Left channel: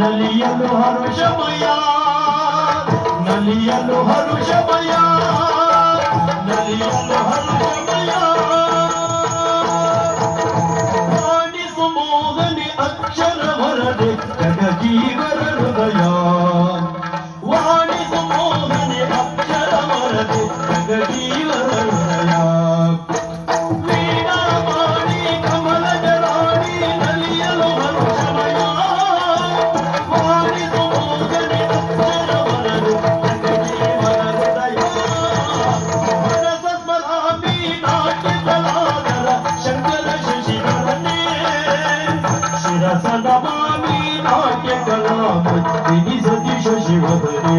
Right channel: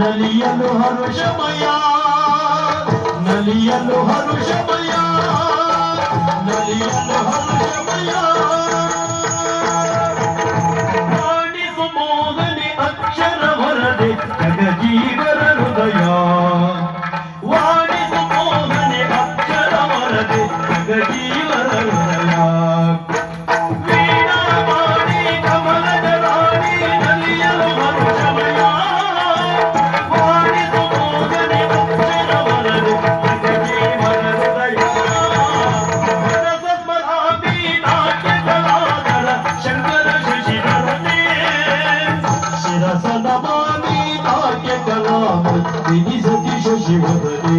ನಲಿಯಲು ಹರುಷಮಯ ನಲಿಯಲು ಹರುಷಮಯ ನಲಿಯಲು ಹರುಷಮಯ. ಅಕ್ಷರ ವರದೆ ಹೃದಯ. ವಾಣಿ ಸುಮೋದನೆ ಅಕ್ಷರ ವರದೆ ಜಗಜೀವ ಸದಾ ಬಾಳಿ ನಾಟ್ಯ ಕಲಾಮ ಇಡೀ ಸತೀಶ ಶಿವದನೇ